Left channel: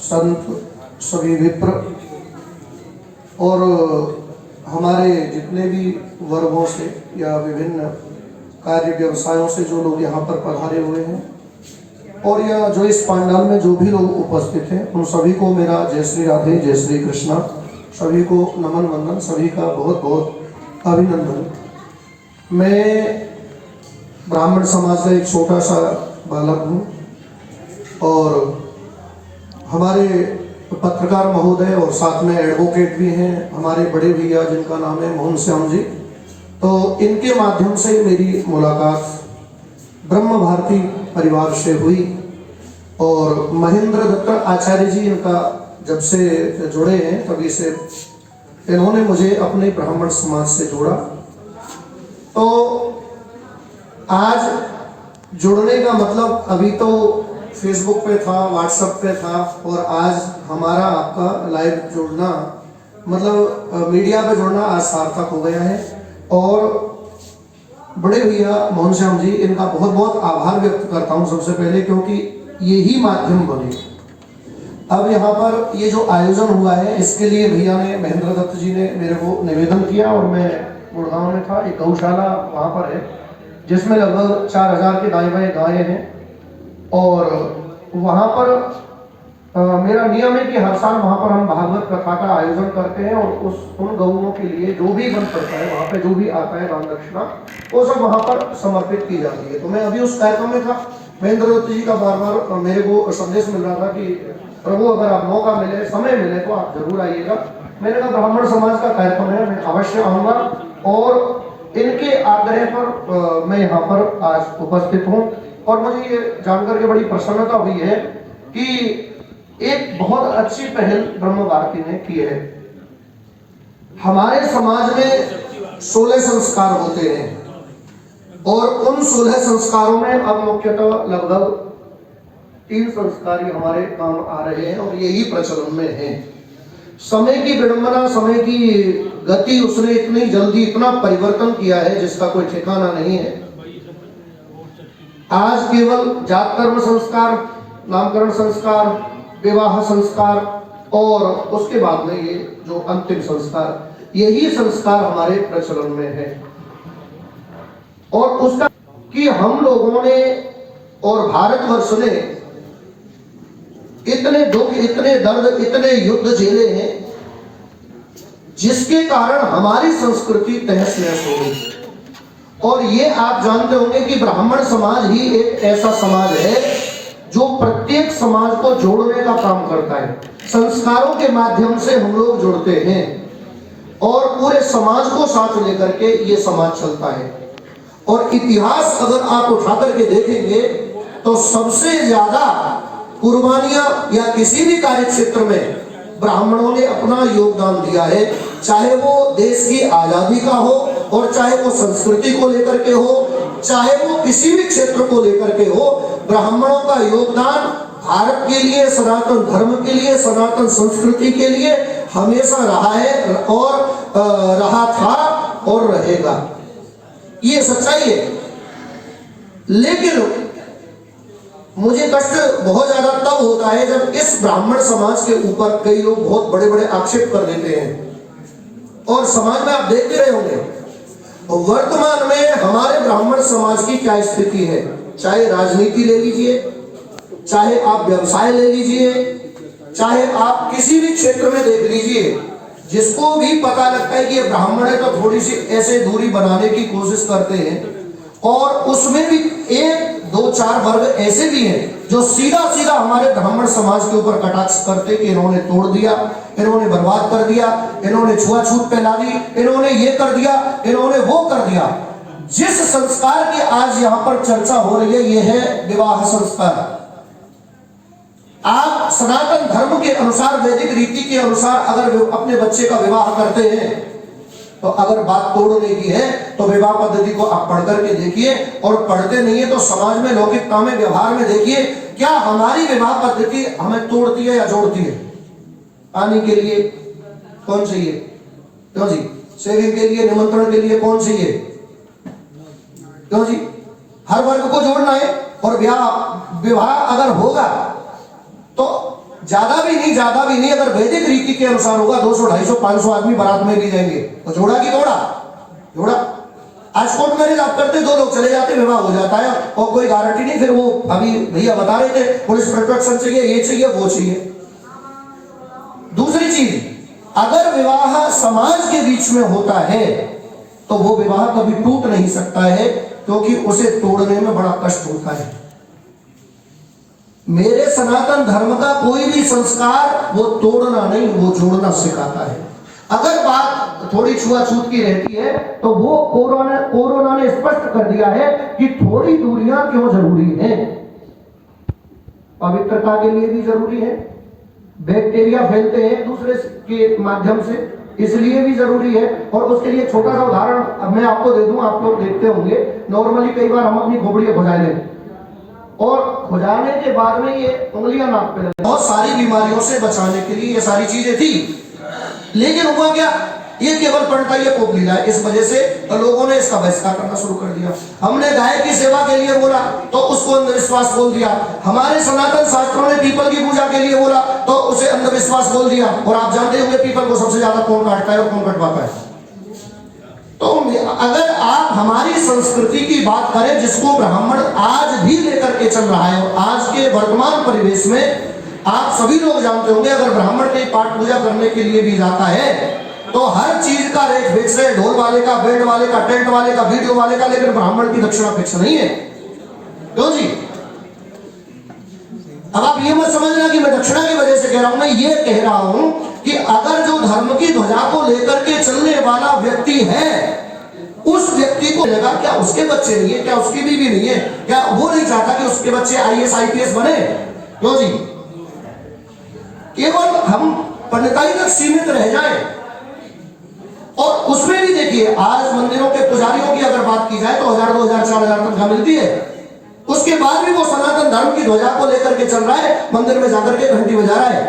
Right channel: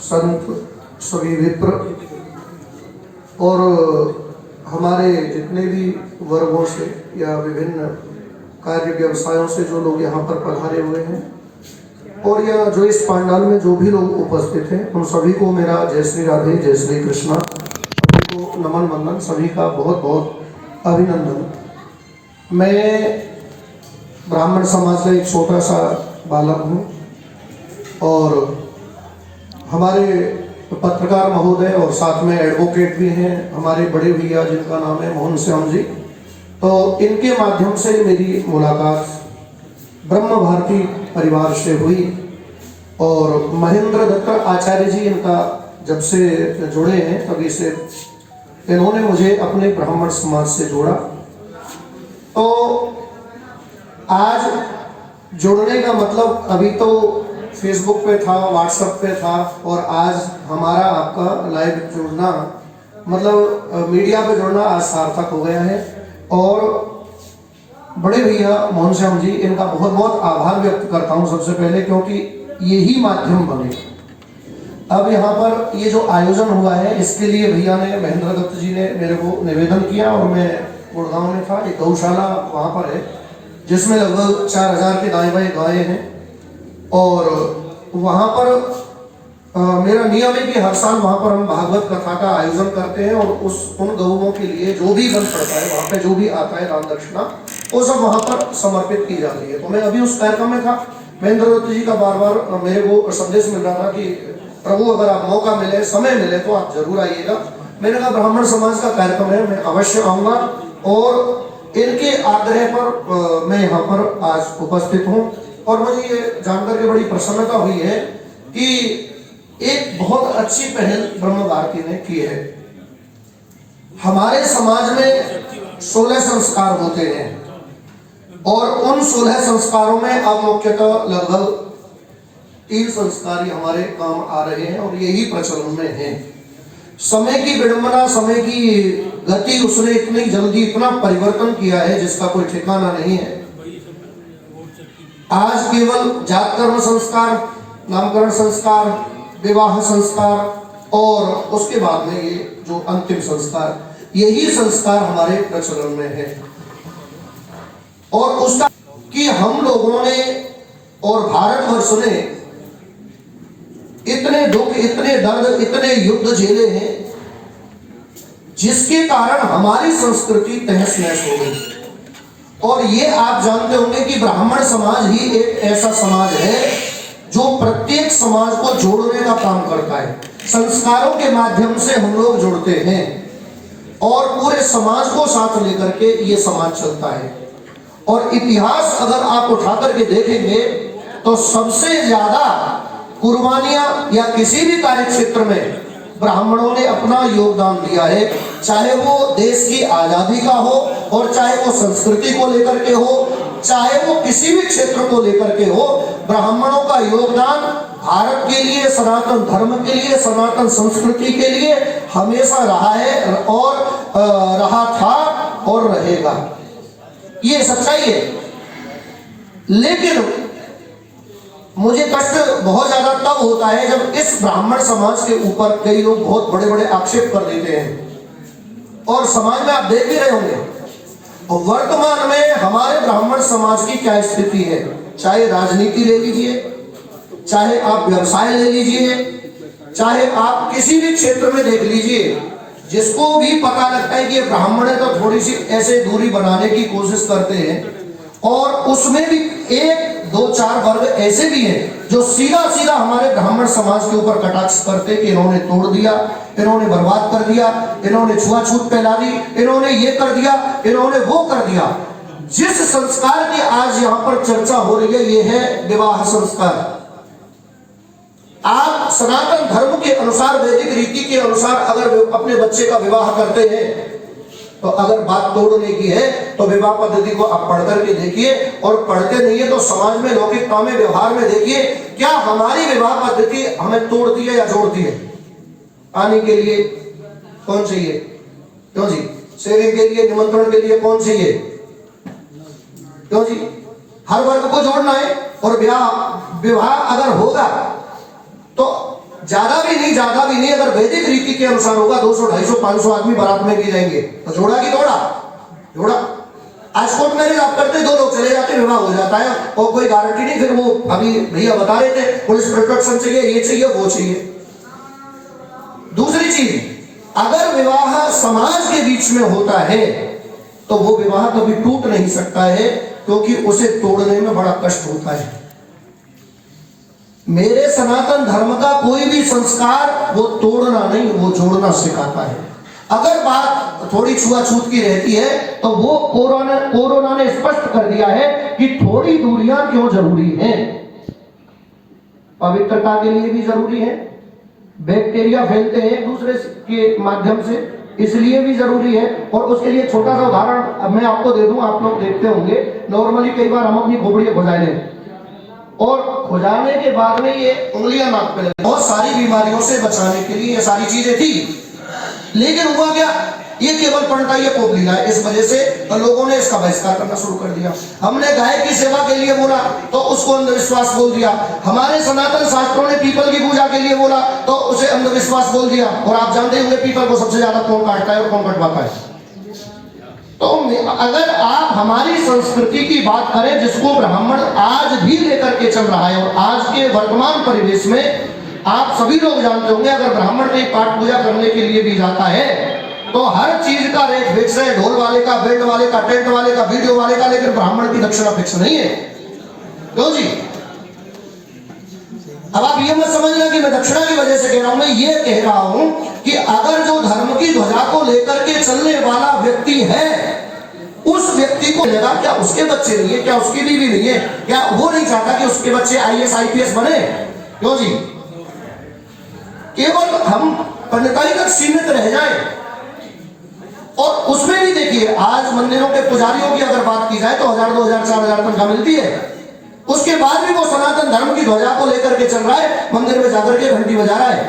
संत, सभी विप्र और हमारे जितने भी वर्गों से या विभिन्न कार्य व्यवसायों से जो लोग यहाँ पर पधारे हुए हैं और या जो इस पंडाल में जो भी लोग उपस्थित हैं, उन सभी को मेरा जय श्री राधे, जय श्री कृष्णा, सभी को नमन वंदन, सभी का बहुत बहुत अभिनंदन। मैं ब्राह्मण समाज का एक छोटा सा बालक हूँ और हमारे पत्रकार महोदय और साथ में एडवोकेट भी हैं हमारे बड़े भैया जिनका नाम है मोहन श्याम जी, तो इनके माध्यम से मेरी मुलाकात ब्रह्म भारती परिवार से हुई और महेंद्र दत्त आचार्य जी इनका जब से जुड़े हैं तभी से इन्होंने मुझे अपने ब्राह्मण समाज से जोड़ा। तो आज जुड़ने का मतलब अभी तो फेसबुक पे था, व्हाट्सएप पे था और आज हमारा आपका लाइव जुड़ना मतलब मीडिया पे जुड़ना आज सार्थक हो गया है और बड़े भैया मोहन श्याम जी इनका बहुत बहुत आभार व्यक्त करता हूँ सबसे पहले, क्योंकि यही माध्यम बने। अब यहाँ पर ये जो आयोजन हुआ है इसके लिए भैया ने, महेंद्र दत्त जी ने मेरे को निवेदन किया और मैं गुड़गांव में था, एक गौशाला वहाँ पर है जिसमें लगभग 4000 के दाएं बाएं गायें हैं और वहाँ पर मेरा नियम है कि हर साल वहाँ पर हम भागवत कथा का आयोजन करते हैं और उन गौओं के लिए जो भी बन पड़ता है वहाँ पे जो भी आता है राम दक्षिणा वो सब वहाँ पर समर्पित की जाती है। तो मैं अभी उस कार्यक्रम में था, महेंद्र दत्त जी का बार बार मेरे को संदेश मिल रहा था कि प्रभु अगर आप मौका मिले, समय मिले तो आप जरूर आइएगा। मैंने कहा ब्राह्मण समाज का कार्यक्रम है, मैं अवश्य आऊँगा और इनके आग्रह पर मैं यहाँ पर आज उपस्थित हूँ और मुझे ये जानकर के बड़ी प्रसन्नता हुई है कि एक बहुत अच्छी पहल ब्रह्म भारती ने की है। हमारे समाज में 16 संस्कार होते हैं और उन 16 संस्कारों में अब मुख्यतः लगभग 3 संस्कार ही हमारे काम आ रहे हैं और यही प्रचलन में है। समय की विडंबना, समय की गति, उसने इतनी जल्दी इतना परिवर्तन किया है जिसका कोई ठिकाना नहीं है। आज केवल जात कर्म संस्कार, नामकरण संस्कार, विवाह संस्कार और उसके बाद में ये जो अंतिम संस्कार, यही संस्कार हमारे प्रचलन में है और उसका कि हम लोगों ने और भारतवर्ष ने इतने दुख, इतने दर्द, इतने युद्ध झेले हैं जिसके कारण हमारी संस्कृति तहस नहस हो गई। और ये आप जानते होंगे कि ब्राह्मण समाज ही एक ऐसा समाज है जो प्रत्येक समाज को जोड़ने का काम करता है। संस्कारों के माध्यम से हम लोग जुड़ते हैं और पूरे समाज को साथ लेकर के ये समाज चलता है। और इतिहास अगर आप उठा करके देखेंगे तो सबसे ज्यादा कुर्बानियां या किसी भी कार्य क्षेत्र में ब्राह्मणों ने अपना योगदान दिया है, चाहे वो देश की आजादी का हो और चाहे वो संस्कृति को लेकर के हो, चाहे वो किसी भी क्षेत्र को लेकर के हो। ब्राह्मणों का योगदान भारत के लिए, सनातन धर्म के लिए, सनातन संस्कृति के लिए हमेशा रहा है और रहा था और रहेगा, ये सच्चाई है। लेकिन मुझे कष्ट बहुत ज्यादा तब होता है जब इस ब्राह्मण समाज के ऊपर कई लोग बहुत बड़े बड़े आक्षेप कर देते हैं और समाज में आप देख भी रहे होंगे वर्तमान में हमारे ब्राह्मण समाज की क्या स्थिति है। चाहे राजनीति ले लीजिए, चाहे आप व्यवसाय ले लीजिए, चाहे आप किसी भी क्षेत्र में देख लीजिए, जिसको भी पता लगता है कि ये ब्राह्मण है तो थोड़ी सी ऐसे दूरी बनाने की कोशिश करते हैं। और उसमें भी 1, 2, 4 वर्ग ऐसे भी हैं जो सीधा सीधा हमारे ब्राह्मण समाज के ऊपर कटाक्ष करते कि इन्होंने तोड़ दिया, इन्होंने बर्बाद कर दिया, इन्होंने छुआछूत फैला दी, इन्होंने ये कर दिया, इन्होंने वो कर दिया। जिस संस्कार की आज यहाँ पर चर्चा हो रही है ये है विवाह संस्कार। आप सनातन धर्म के अनुसार, वैदिक रीति के अनुसार अगर अपने बच्चे का विवाह करते हैं तो अगर बात तोड़ने की है तो विवाह पद्धति को आप पढ़ करके देखिए, और पढ़ते नहीं है तो समाज में, लौकिकता में, व्यवहार में देखिए क्या हमारी विवाह पद्धति हमें तोड़ती है या जोड़ती है। पानी के लिए कौन चाहिए, क्यों जी? सेविंग के लिए, निमंत्रण के लिए कौन चाहिए, क्यों जी? हर वर्ग को जोड़ना है। और विवाह अगर होगा तो ज्यादा भी नहीं, अगर वैदिक रीति के अनुसार होगा 200, 250, 500 आदमी बारात में भी जाएंगे, तो जोड़ा की जोड़ा। आज कोर्ट मैरिज आप करते, 2 लोग चले जाते, विवाह हो जाता है और कोई गारंटी नहीं। फिर वो अभी भैया बता रहे थे पुलिस प्रोटेक्शन चाहिए, ये चाहिए, वो चाहिए। दूसरी चीज, अगर विवाह समाज के बीच में होता है तो वो विवाह कभी टूट नहीं सकता है, क्योंकि उसे तोड़ने में बड़ा कष्ट होता है। मेरे सनातन धर्म का कोई भी संस्कार वो तोड़ना नहीं, वो जोड़ना सिखाता है। अगर बात थोड़ी छुआछूत की रहती है तो वो कोरोना ने स्पष्ट कर दिया है कि थोड़ी दूरियां क्यों जरूरी हैं। पवित्रता के लिए भी जरूरी है, बैक्टीरिया फैलते हैं एक दूसरे के माध्यम से, इसलिए भी जरूरी है। और उसके लिए छोटा सा उदाहरण मैं आपको दे दूं, आप लोग देखते होंगे नॉर्मली कई बार हम अपनी खोपड़ी खुजाई लें और खुजाने के बाद में ये उंगलियां नाक पे लगती, बहुत सारी बीमारियों से बचाने के लिए ये सारी चीजें थी। लेकिन हुआ क्या, ये केवल पड़ता ये पोपली है, इस वजह से तो लोगों ने इसका बहिष्कार करना शुरू कर दिया। हमने गाय की सेवा के लिए बोला तो उसको अंधविश्वास बोल दिया। हमारे सनातन शास्त्रों ने पीपल की पूजा के लिए बोला तो उसे अंधविश्वास बोल दिया। और आप जानते होंगे पीपल को सबसे ज्यादा कौन काटता है और कौन कटवाता है। तो अगर आप हमारी संस्कृति की बात करें, जिसको ब्राह्मण आज भी लेकर के चल रहा है, और आज के वर्तमान परिवेश में आप सभी लोग जानते होंगे, अगर ब्राह्मण कहीं पाठ पूजा करने के लिए भी जाता है तो हर चीज का रेट फिक्स है, ढोल वाले का, बैंड वाले का, टेंट वाले का, वीडियो वाले का, लेकिन ब्राह्मण की दक्षिणा फिक्स नहीं है। क्यों जी? अब आप ये मत समझना कि मैं दक्षिणा की वजह से कह रहा हूं, मैं ये कह रहा हूं कि अगर जो धर्म की ध्वजा को लेकर के चलने वाला व्यक्ति है, उस व्यक्ति को लगा क्या उसके बच्चे नहीं है, क्या उसकी बीवी नहीं है, क्या वो नहीं चाहता कि उसके बच्चे IAS IPS बने? क्यों जी? केवल हम पंडिताई तक सीमित रह जाए। और उसमें भी देखिए, आज मंदिरों के पुजारियों की अगर बात की जाए तो 1000, 2000, 4000 तनख्वाह मिलती है। उसके बाद भी वो सनातन धर्म की ध्वजा को लेकर के चल रहा है, मंदिर में जाकर के घंटी बजा रहा है,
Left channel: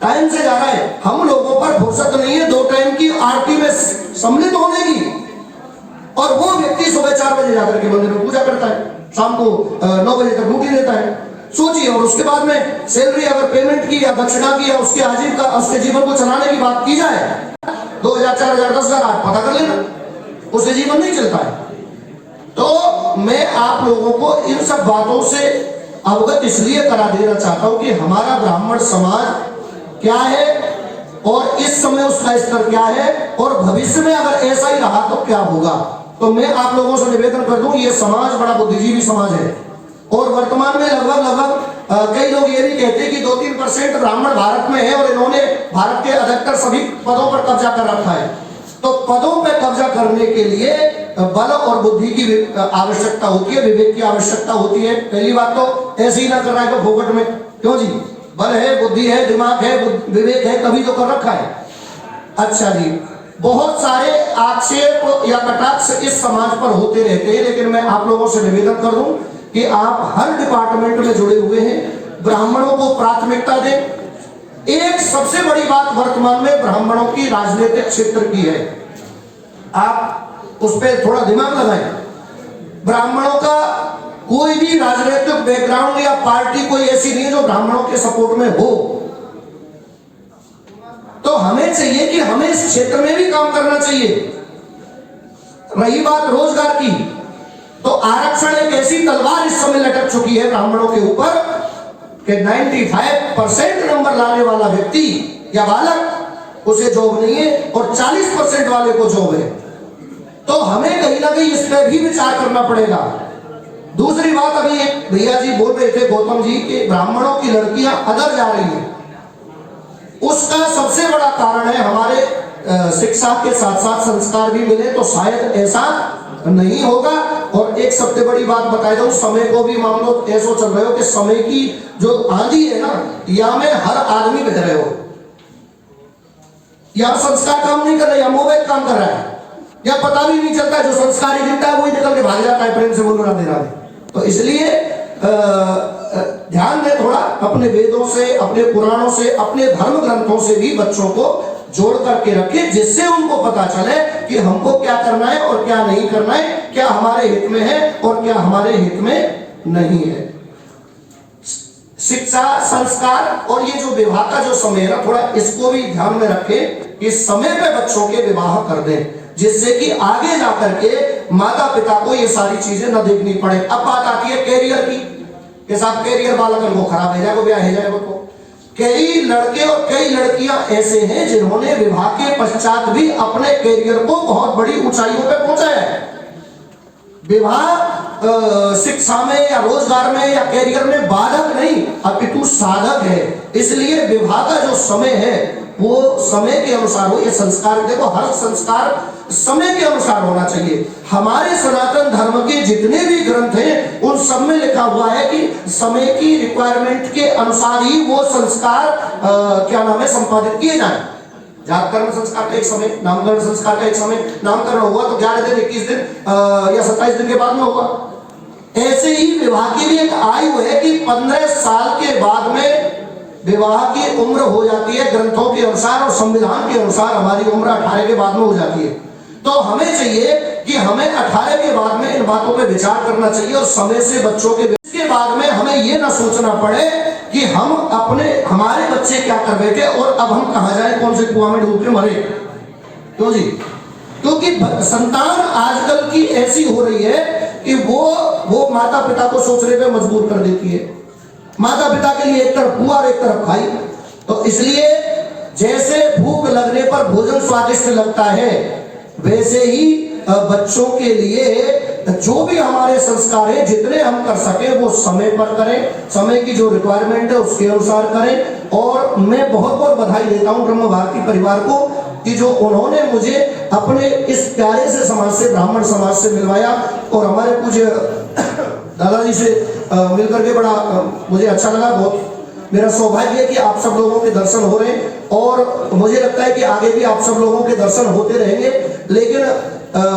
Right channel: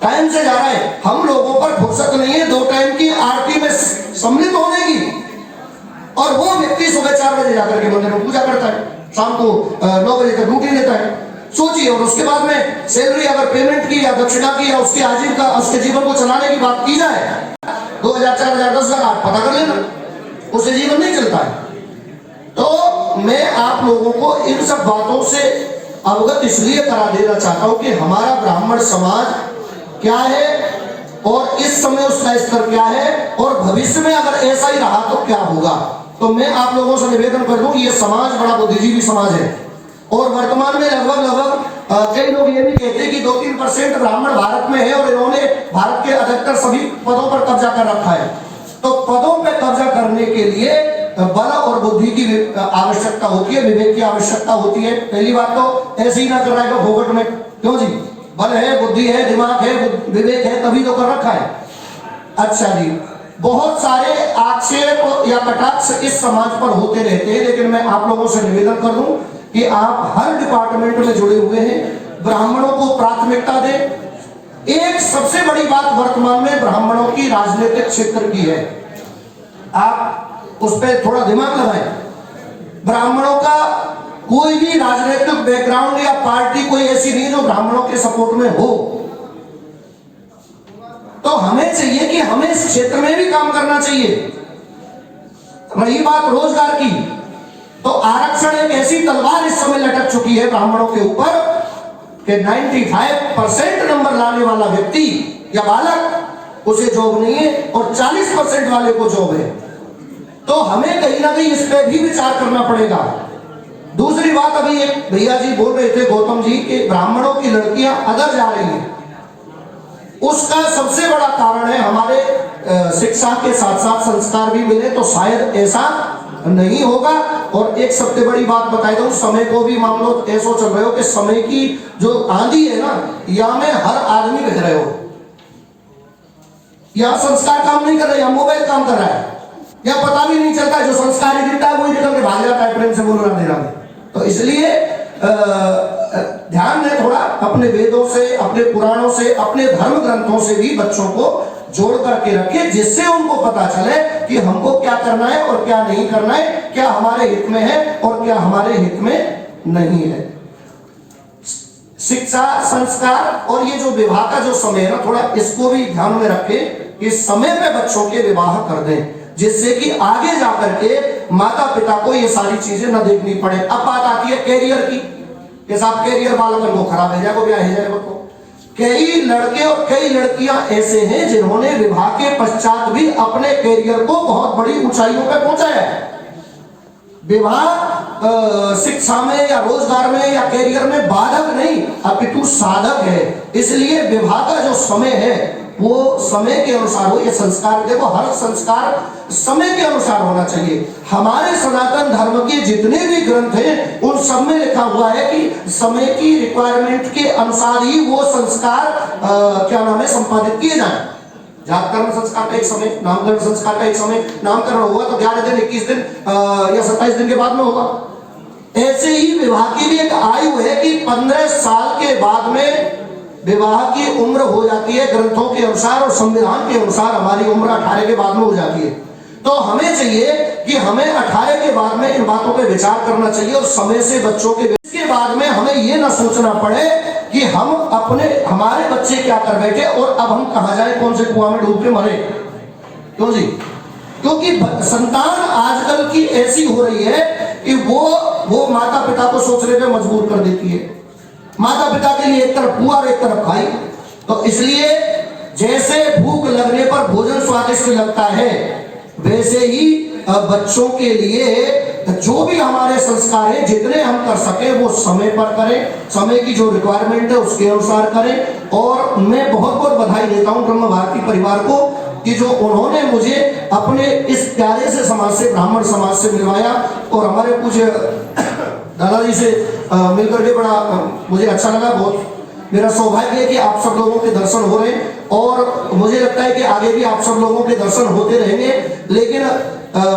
टाइम से जा रहा है। हम लोगों पर फुर्सत नहीं है 2 टाइम की आरती में सम्मिलित होने की। और वो व्यक्ति सुबह 4 बजे जाकर के मंदिर में पूजा करता है, शाम को 9 बजे तक ड्यूटी देता है। सोचिए, और उसके बाद में सैलरी अगर पेमेंट की या दक्षिणा की या उसके आजीविका, उसके जीवन को चलाने की बात की जाए, 2000, 4000, 10,000 आप पता कर लेना, उससे जीवन नहीं चलता है। तो मैं आप लोगों को इन सब बातों से अवगत इसलिए करा देना चाहता हूं कि हमारा ब्राह्मण समाज क्या है और इस समय उसका स्तर क्या है, और भविष्य में अगर ऐसा ही रहा तो क्या होगा। तो मैं आप लोगों से निवेदन कर दूं, ये समाज बड़ा बुद्धिजीवी समाज है। और वर्तमान में लगभग कई लोग ये भी कहते हैं कि 2-3% ब्राह्मण भारत में है और इन्होंने भारत के अधिकतर सभी पदों पर कब्जा कर रखा है। तो पदों पर कब्जा करने के लिए बल और बुद्धि की आवश्यकता होती है, विवेक की आवश्यकता होती है। पहली बात तो ऐसे ही ना कर रहा है फोकट में। क्यों जी? बल है, बुद्धि है, दिमाग है, विवेक है, तभी तो कर रखा है। अच्छा जी, बहुत सारे आक्षेप या कटाक्ष इस समाज पर होते रहते हैं, लेकिन मैं आप लोगों से निवेदन कर दूं कि आप हर डिपार्टमेंट में जुड़े हुए हैं, ब्राह्मणों को प्राथमिकता दें। एक सबसे बड़ी बात वर्तमान में ब्राह्मणों की राजनीतिक क्षेत्र की है, आप उस पर थोड़ा दिमाग लगाएं। ब्राह्मणों का कोई भी राजनीतिक बैकग्राउंड या पार्टी कोई ऐसी नहीं जो ब्राह्मणों के सपोर्ट में हो। तो हमें चाहिए कि हमें इस क्षेत्र में भी काम करना चाहिए। रही बात रोजगार की, तो आरक्षण एक ऐसी तलवार इस समय लटक चुकी है ब्राह्मणों के ऊपर कि 95% नंबर लाने वाला व्यक्ति या बालक, उसे जॉब नहीं है, और 40% वाले को जॉब है। तो हमें कहीं ना कहीं इस पर भी विचार करना पड़ेगा। दूसरी बात, अभी एक भैया जी बोल रहे थे, गौतम जी, कि ब्राह्मणों की लड़कियां अदर जा रही हैं। उसका सबसे बड़ा कारण है हमारे शिक्षा के साथ साथ संस्कार भी मिले तो शायद ऐसा नहीं होगा। और एक सबसे बड़ी बात बताई दूं, समय को भी मान लो ऐसा चल रहे हो कि समय की जो आंधी है ना, यहाँ में हर आदमी बह रहे हो, यहाँ संस्कार काम नहीं कर रहा, यहाँ मोबाइल काम कर रहा है, या पता भी नहीं चलता है, जो संस्कारी दिखता है वही निकल के भाग जाता है प्रेम से मुनमुना दे रहा है। तो इसलिए ध्यान दें थोड़ा, अपने वेदों से, अपने पुराणों से, अपने धर्म ग्रंथों से भी बच्चों को जोड़ करके रखें, जिससे उनको पता चले कि हमको क्या करना है और क्या नहीं करना है, क्या हमारे हित में है और क्या हमारे हित में नहीं है। शिक्षा, संस्कार और ये जो विवाह का जो समय है ना, थोड़ा इसको भी ध्यान में रखें कि समय पे बच्चों के विवाह कर दें, जिससे कि आगे जाकर के माता पिता को ये सारी चीजें न देखनी पड़े। अब बात आती है कैरियर की कि साहब कैरियर बालकन वो खराब है जाएगा, ब्याह है जाएगा। तो कई लड़के और कई लड़कियां ऐसे हैं जिन्होंने विवाह के पश्चात भी अपने कैरियर को बहुत बड़ी ऊंचाइयों पर पहुंचाया है। विवाह शिक्षा में या रोजगार में या कैरियर में बाधक नहीं अपितु साधक है। इसलिए विवाह का जो समय है वो समय के अनुसार हो। ये संस्कार, देखो हर संस्कार समय के अनुसार होना चाहिए। हमारे सनातन धर्म के जितने भी ग्रंथ हैं उन सब में लिखा हुआ है कि समय की रिक्वायरमेंट के अनुसार ही वो संस्कार क्या नाम है संपादित किए जाए। जातकर्म संस्कार का एक समय, नामकरण संस्कार का एक समय, नामकरण हुआ तो 11 दिन 21 दिन या 27 दिन के बाद में होगा। ऐसे ही विवाह की भी एक आयु है कि 15 साल के बाद में विवाह की उम्र हो जाती है ग्रंथों के अनुसार, और संविधान के अनुसार हमारी उम्र 18 के बाद में हो जाती है। तो हमें चाहिए कि हमें 18 के बाद में इन बातों पे विचार करना चाहिए और समय से बच्चों के बाद में हमें ये ना सोचना पड़े कि हम हमारे बच्चे क्या कर बैठे और अब हम कहां जाए, कौन से कुआं में डूब के मरे। क्यों जी? क्योंकि संतान आजकल की ऐसी हो रही है कि वो माता पिता को सोचने पे मजबूर कर देती है। माता पिता के लिए एक तरफ पुआ और एक तरफ खाई। तो इसलिए जैसे भूख लगने पर भोजन स्वादिष्ट लगता है, वैसे ही बच्चों के लिए जो भी हमारे संस्कार है जितने हम कर सके वो समय पर करें, समय की जो रिक्वायरमेंट है उसके अनुसार करें। और मैं बहुत बहुत बधाई देता हूं ब्रह्म भारती परिवार को कि जो उन्होंने मुझे अपने इस प्यारे से समाज से, ब्राह्मण समाज से मिलवाया और हमारे पूज्य दादाजी से मिलकर के बड़ा मुझे अच्छा लगा। बहुत मेरा सौभाग्य है कि आप सब लोगों के दर्शन हो रहे हैं और मुझे लगता है कि आगे भी आप सब लोगों के दर्शन होते रहेंगे। लेकिन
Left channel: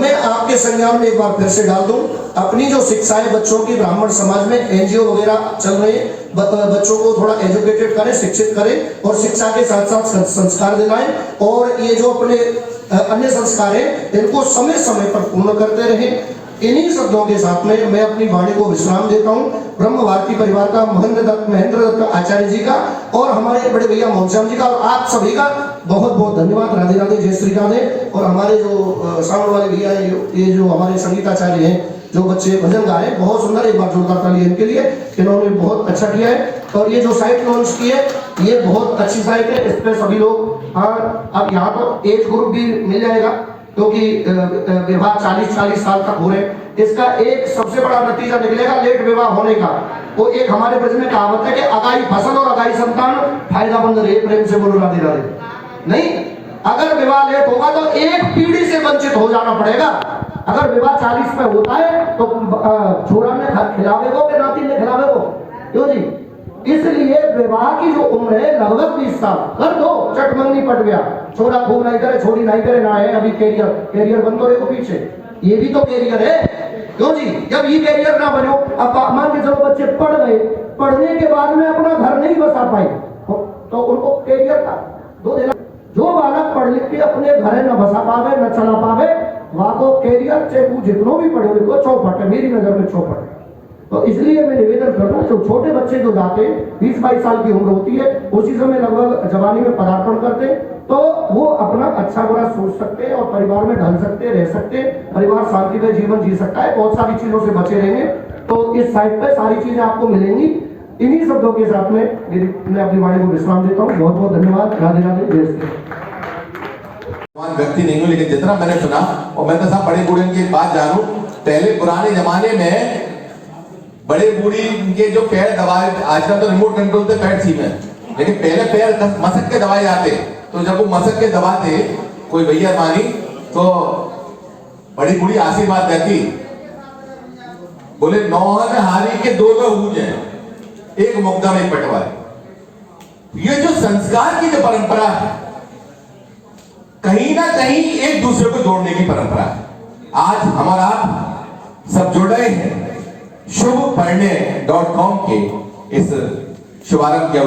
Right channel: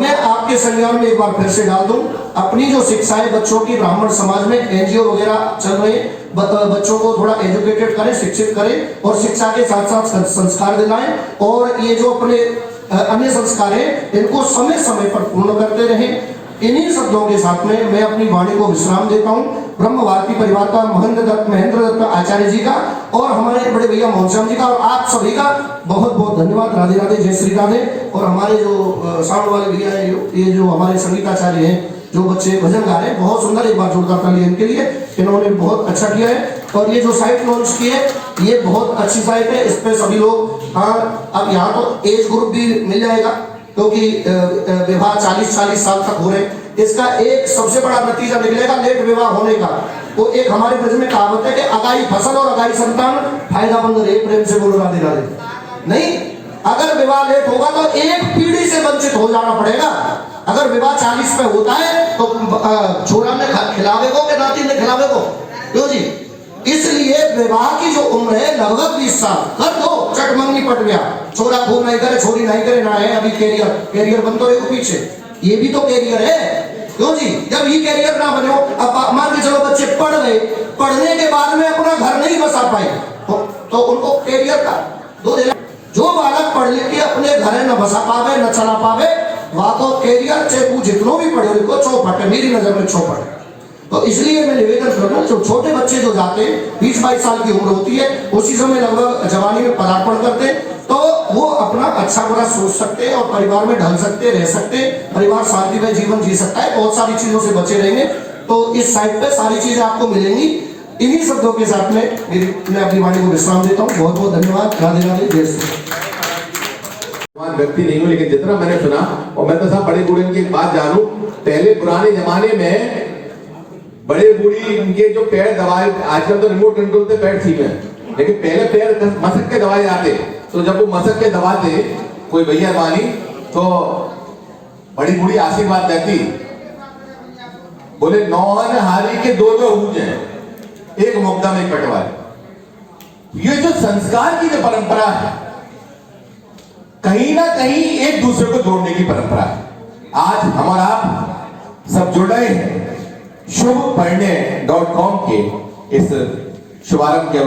मैं आपके संज्ञान में एक बार फिर से डाल दूं, अपनी जो शिक्षा है बच्चों की, ब्राह्मण समाज में एनजीओ वगैरह चल रहे हैं, बच्चों को थोड़ा एजुकेटेड करें, शिक्षित करें और शिक्षा के साथ साथ संस्कार दिलाएं। और ये जो अपने अन्य संस्कार हैं इनको समय समय पर पूर्ण करते रहें। इन्हीं शब्दों के साथ में मैं अपनी वाणी को विश्राम देता हूं। ब्रह्म भारती परिवार का महेंद्र दत्त आचार्य जी का और हमारे बड़े भैया मोहन जी का और आप सभी का बहुत बहुत धन्यवाद। राधे राधे, जय श्री राधे। और हमारे जो साउंड वाले भैया हैं, ये जो हमारे संगीताचार्य हैं, जो बच्चे भजन गा रहे हैं, बहुत सुंदर, एक बार जोरदार ताली इनके लिए, इन्होंने बहुत अच्छा किया है। और ये जो साइट लॉन्च की है ये बहुत अच्छी साइट है, इस पे सभी लोग, हाँ अब यहाँ तो एज ग्रुप भी मिल जाएगा क्योंकि विवाह 40 साल तक हो रहे हैं। इसका एक सबसे बड़ा नतीजा निकलेगा लेट विवाह होने का। वो एक हमारे ब्रज में कहावत है कि अगाई फसल और अगाई संतान फायदामंद रहे। प्रेम से बोलो राधे राधे। नहीं, अगर विवाह लेट होगा तो एक पीढ़ी से वंचित हो जाना पड़ेगा। अगर विवाह 40 पे होता है तो छोरा ने खिलावे को कि नाती ने खिलावे को। क्यों जी? इसलिए विवाह की जो उम्र है लगभग 20 साल कर दो, चट मंगनी पट गया। छोरा खूब नहीं करे, छोरी नहीं करे, ना है अभी कैरियर बन तो देखो पीछे, ये भी तो कैरियर है। क्यों जी? जब ये कैरियर ना बनो, अब मान के चलो बच्चे पढ़ गए, पढ़ने के बाद में अपना घर नहीं बसा पाए तो उनको कैरियर का दो देना। जो बालक पढ़ लिख के अपने घर न बसा पावे, न चला पावे, वहां तो कैरियर चाहे तू जितनो भी पढ़े हो चौपट है, मेरी नजर में चौपट है। तो इसलिए मैं निवेदन करता हूं, जो छोटे बच्चे जो जाते हैं 20-22 साल की उम्र होती है, उसी समय लगभग जवानी में पदार्पण करते हैं, तो वो अपना अच्छा बुरा सोच सकते हैं और परिवार में ढल सकते, रह सकते, परिवार शांतिमय जीवन जी सकता है, बहुत सारी चीजों से बचे रहेंगे। तो इस साइट पे सारी चीजें आपको मिलेंगी। इन्हीं शब्दों के साथ में मैं अपनी वाणी को विश्राम देता हूँ। बहुत बहुत धन्यवाद। राधे राधे, जय श्री राम। व्यक्ति नहीं हूँ, लेकिन जितना मैंने सुना, और मैं तो सब बड़े बूढ़े की एक बात जानूं, पहले पुराने जमाने में बड़े बूढ़ी इनके जो पैर दबाए, आजकल तो रिमोट कंट्रोल से पैर छीने, लेकिन पहले पैर मसक के दबाए जाते। तो जब वो मसक के दबाते कोई भैया मानी तो बड़ी बूढ़ी आशीर्वाद देती, बोले नौहन हारी के दो हूज हैं, एक मुक्ता में पटवा। ये जो संस्कार की जो परंपरा है, कहीं ना कहीं एक दूसरे को जोड़ने की परंपरा है। आज हम और आप सब जुड़ रहे हैं शुभपरिणय.com के इस शुभारंभ के